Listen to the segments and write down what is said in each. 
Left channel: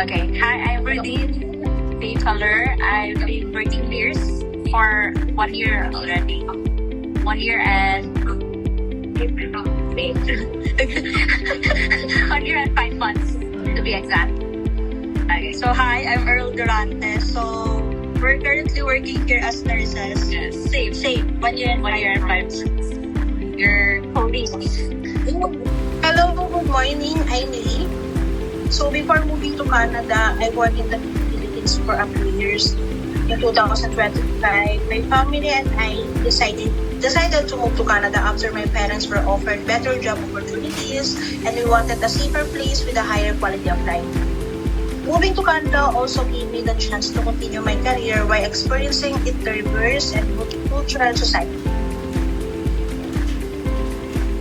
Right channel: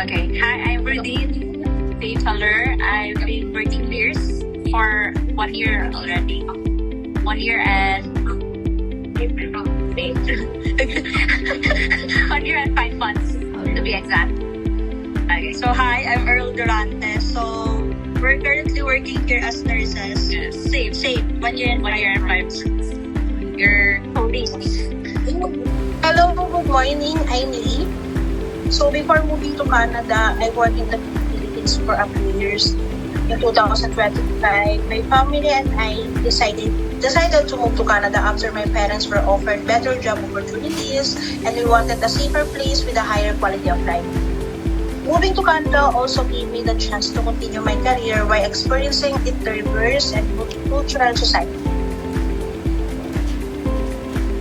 Okay. Hi, I'm Berdine Taylor. I've been working here for 1 year already. 1 year and 1 year and 5 months to be exact. Okay. So hi, I'm Earl Durante. So we're currently working here as nurses. Yes. Same. 1 year and 1 year and 5 months. Your colleagues. Hello, good morning. I'm Lee. So before moving to Canada, I worked in the Philippines for a few years. In 2025, my family and I decided to move to Canada after my parents were offered better job opportunities and we wanted a safer place with a higher quality of life. Moving to Canada also gave me the chance to continue my career while experiencing a diverse and multicultural society.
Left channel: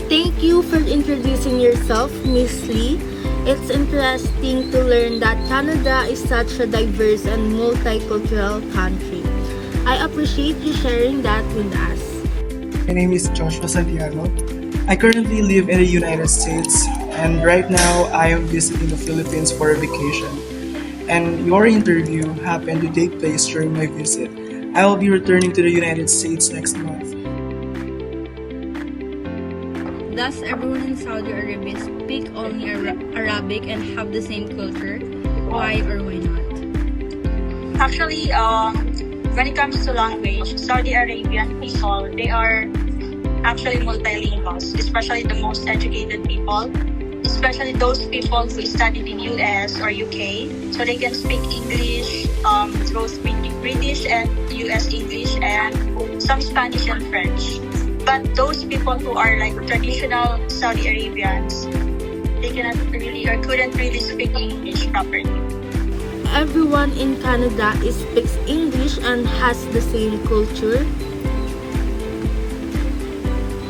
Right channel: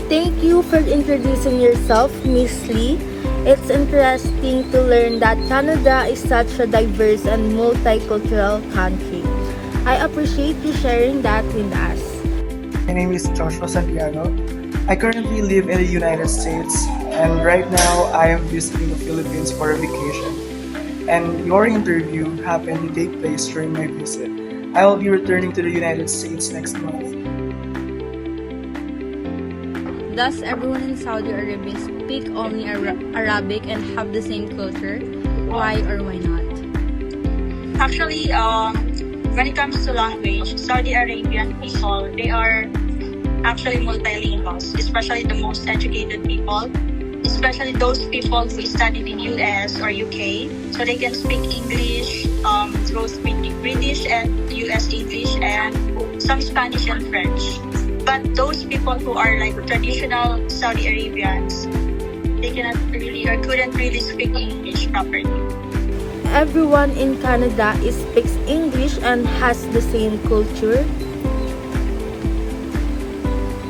Thank you for introducing yourself, Miss Lee. It's interesting to learn that Canada is such a diverse and multicultural country. I appreciate you sharing that with us. My name is Joshua Santiago. I currently live in the United States and right now I am visiting the Philippines for a vacation. And your interview happened to take place during my visit. I will be returning to the United States next month. Does everyone in Saudi Arabia speak only Arabic and have the same culture? Why or why not? Actually, when it comes to language, Saudi Arabian people, they are actually multilinguals, especially the most educated people, especially those people who studied in US or UK. So they can speak English, both British and US English, and some Spanish and French. But those people who are like traditional Saudi Arabians, they cannot really or couldn't really speak English properly. Everyone in Canada speaks English and has the same culture.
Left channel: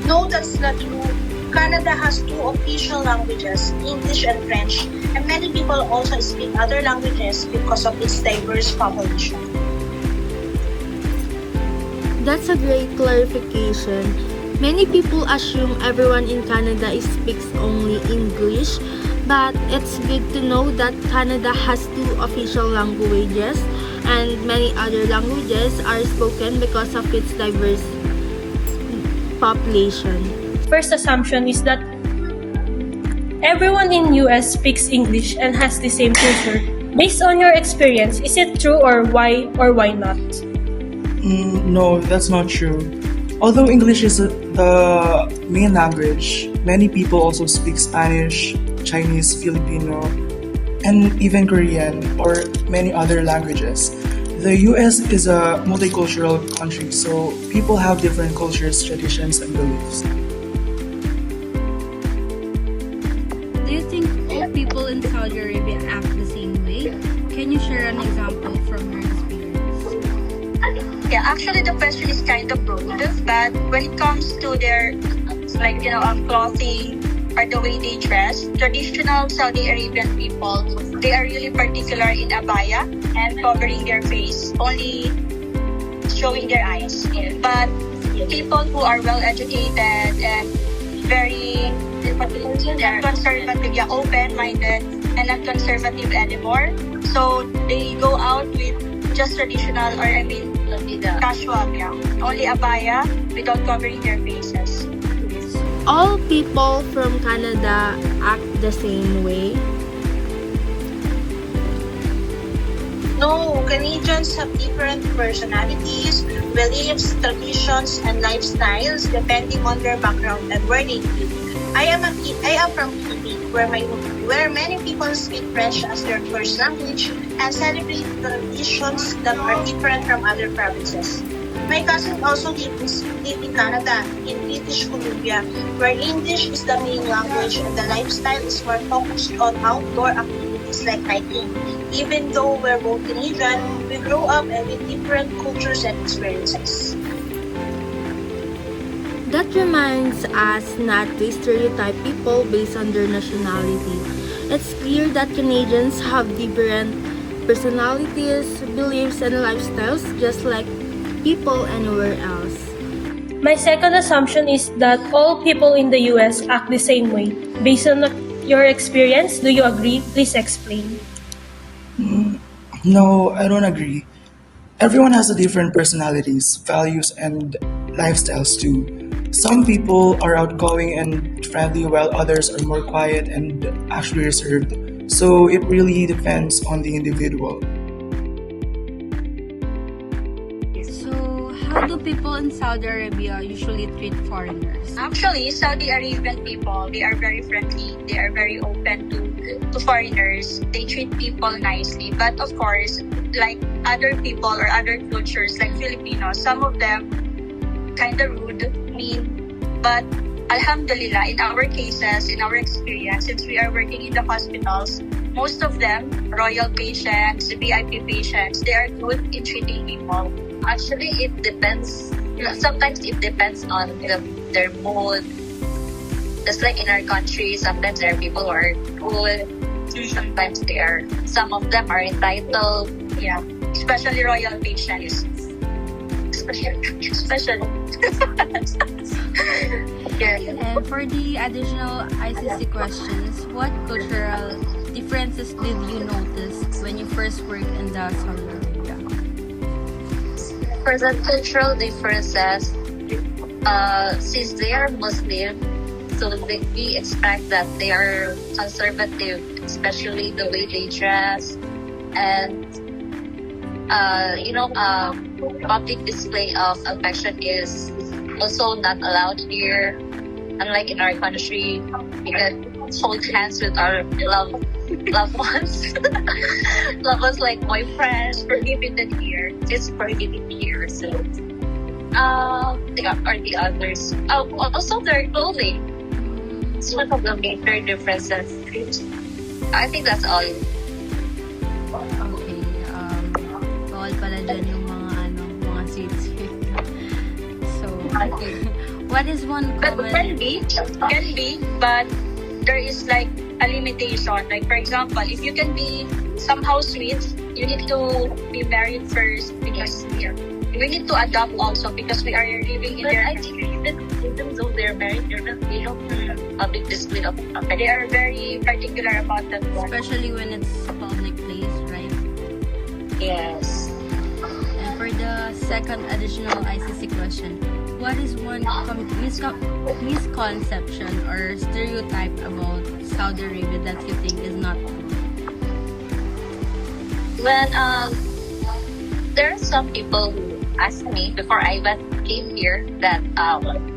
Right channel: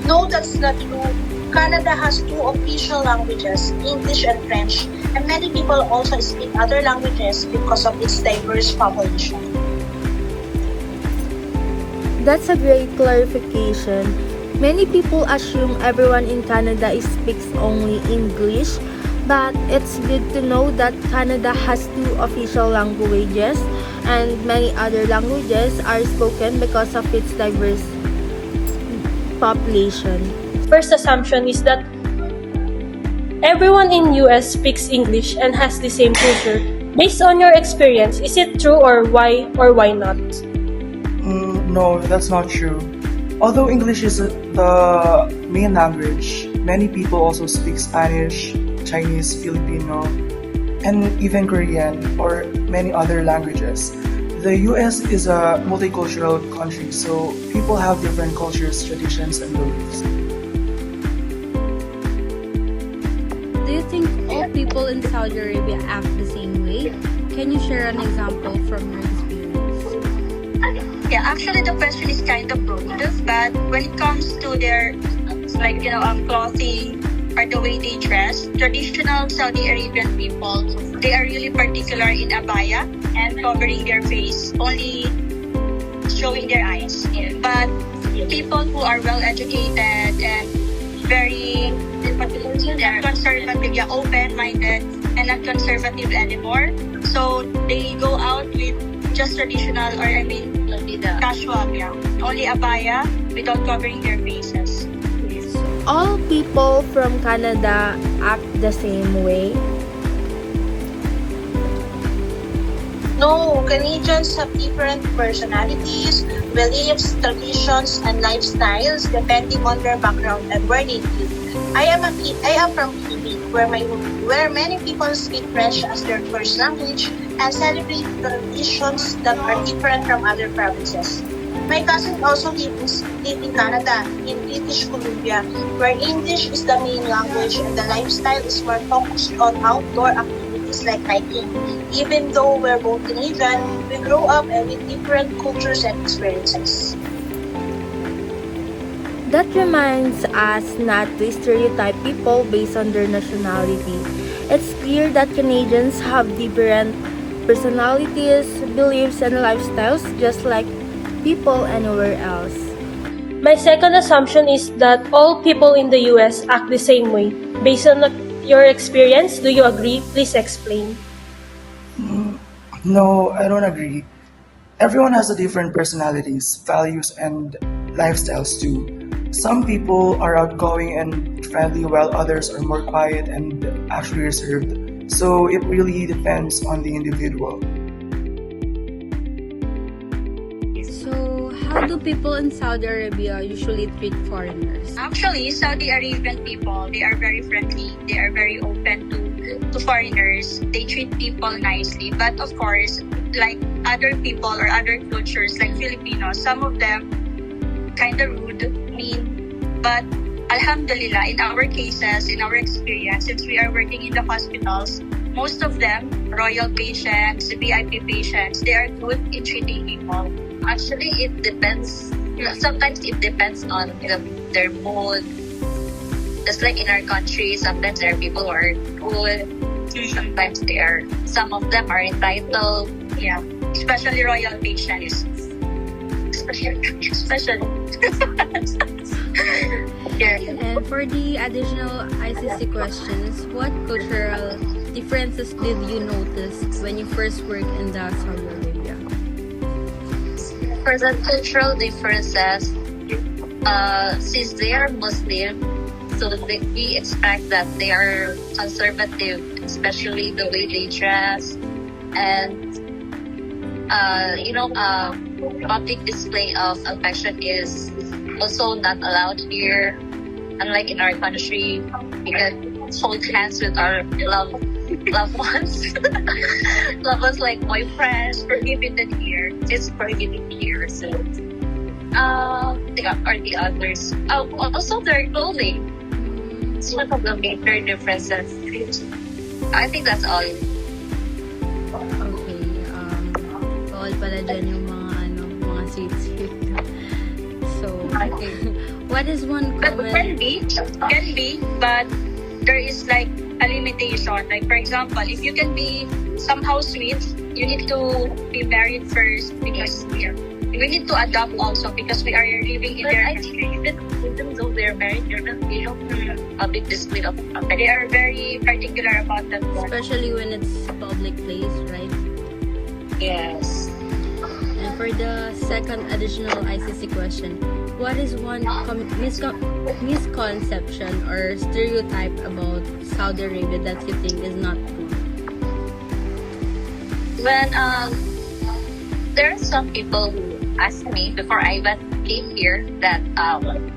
No, that's not true. Canada has two official languages, English and French, and many people also speak other languages because of its diverse population. That's a great clarification. Many people assume everyone in Canada speaks only English, but it's good to know that Canada has two official languages and many other languages are spoken because of its diverse population. First assumption is that everyone in US speaks English and has the same culture. Based on your experience, is it true or why not? No, that's not true. Although English is the main language, many people also speak Spanish, Chinese, Filipino, and even Korean or many other languages. The US is a multicultural country, so people have different cultures, traditions, and beliefs. Do you think all people in Saudi Arabia act the same way? Can you share an example from your experience? Yeah, actually the question is kind of broad, but when it comes to their clothing or the way they dress, traditional Saudi Arabian people, they are really particular in abaya and covering their face, only showing their eyes. But people who are well educated and very conservative, open-minded, and not conservative anymore, so they go out with just traditional casual, only abaya without covering their faces. All people from Canada act the same way. No, Canadians have different personalities, beliefs, traditions, and lifestyles depending on their background and where they live. I am from Quebec, where many people speak French as their first language and celebrate traditions that are different from other provinces. My cousin also lives in Canada, in British Columbia, where English is the main language and the lifestyle is more focused on outdoor activities like hiking. Even though we're both Canadian, we grow up with different cultures and experiences. That reminds us not to stereotype people based on their nationality. It's clear that Canadians have different personalities, beliefs, and lifestyles just like people anywhere else. My second assumption is that all people in the US act the same way. Based on your experience, do you agree? Please explain. No, I don't agree. Everyone has a different personalities, values, and lifestyles too. Some people are outgoing and friendly while others are more quiet and actually reserved. So it really depends on the individual. So, how do people in Saudi Arabia usually treat foreigners? Actually, Saudi Arabian people, they are very friendly. They are very open to foreigners. They treat people nicely. But of course, like other people or other cultures like Filipinos, some of them kind of rude, mean. But Alhamdulillah, in our cases, in our experience, since we are working in the hospitals, most of them, royal patients, VIP patients, they are good in treating people. Actually, it depends. Sometimes it depends on their mood. Just like in our country, sometimes there are people who are cool. Sometimes some of them are entitled. Yeah, especially royal patients. Especially. Yeah. And for the additional ICC questions, what cultural differences did you notice when you first worked in the Saudi Arabia? For the cultural differences, since they are Muslim, so we expect that they are conservative, especially the way they dress, and public display of affection is also not allowed here. Unlike in our country, we can hold hands with our loved ones, loved ones like boyfriends. Prohibited here. It's prohibited here. So, the others. Also, their clothing. It's one of the major differences. I think that's all. Okay, bawal pala dyan yung mga sweet. So, what is one But common... can be, but there is like a limitation. Like for example, if you can be somehow sweet, you need to be married first because we need to adopt also because we are living in But their I think even though they're married, they don't have a big display of affection. they are very particular about that one. Especially when it's public place, right? Yes. And for the second additional ICC question, what is one misconception or stereotype about Saudi Arabia that you think is not true? When there are some people who ask me before I even came here that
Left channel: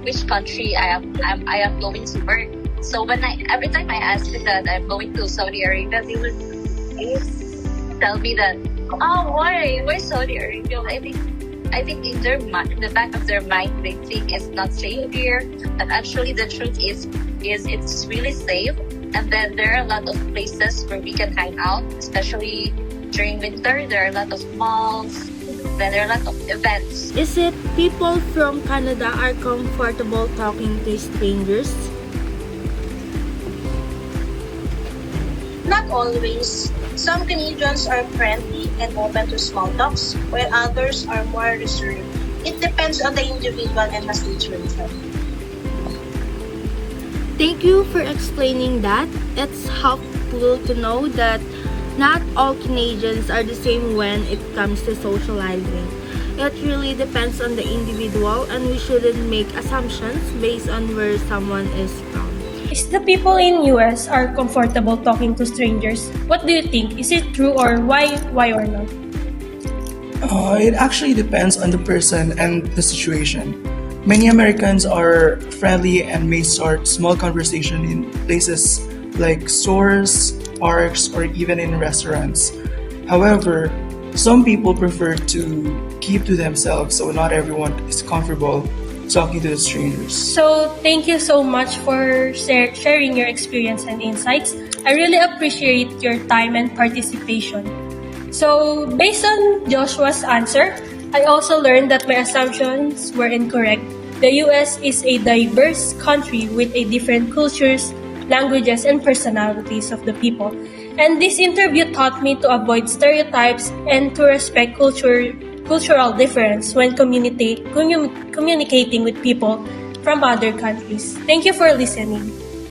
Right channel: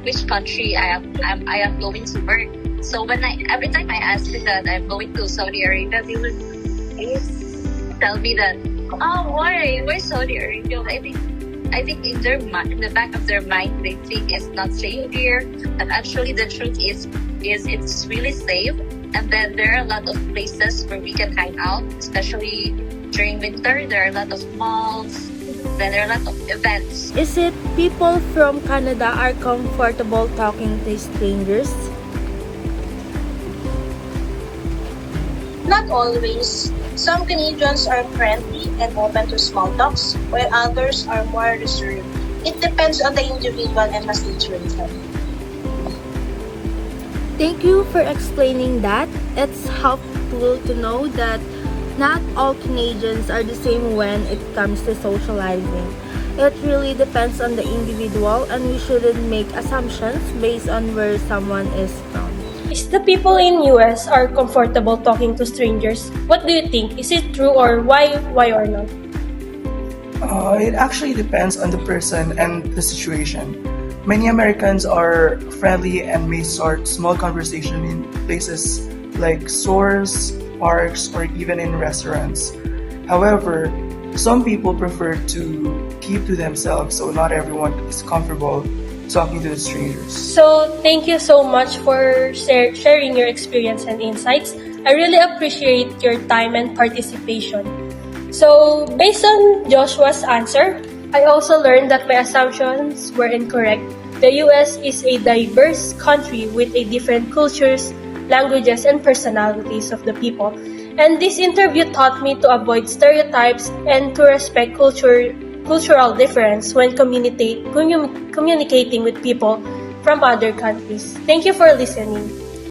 which country I am going to work. So every time I ask them that I'm going to Saudi Arabia, they would tell me that, oh, why Saudi Arabia? I think in the back of their mind they think it's not safe here, and actually the truth is it's really safe. And then there are a lot of places where we can hang out, especially during winter. There are a lot of malls. Then there are a lot of events. Is it people from Canada are comfortable talking to strangers? Not always. Some Canadians are friendly and open to small talks, while others are more reserved. It depends on the individual and the situation. Thank you for explaining that. It's helpful to know that not all Canadians are the same when it comes to socializing. It really depends on the individual, and we shouldn't make assumptions based on where someone is from. Is the people in US are comfortable talking to strangers? What do you think? Is it true or why or not? It actually depends on the person and the situation. Many Americans are friendly and may start small conversation in places like stores, parks, or even in restaurants. However, some people prefer to keep to themselves, so not everyone is comfortable talking to the strangers. So, thank you so much for sharing your experience and insights. I really appreciate your time and participation. So, based on Joshua's answer, I also learned that my assumptions were incorrect. The US is a diverse country with a different cultures, languages, and personalities of the people. And this interview taught me to avoid stereotypes and to respect cultural difference when communicating with people from other countries. Thank you for listening.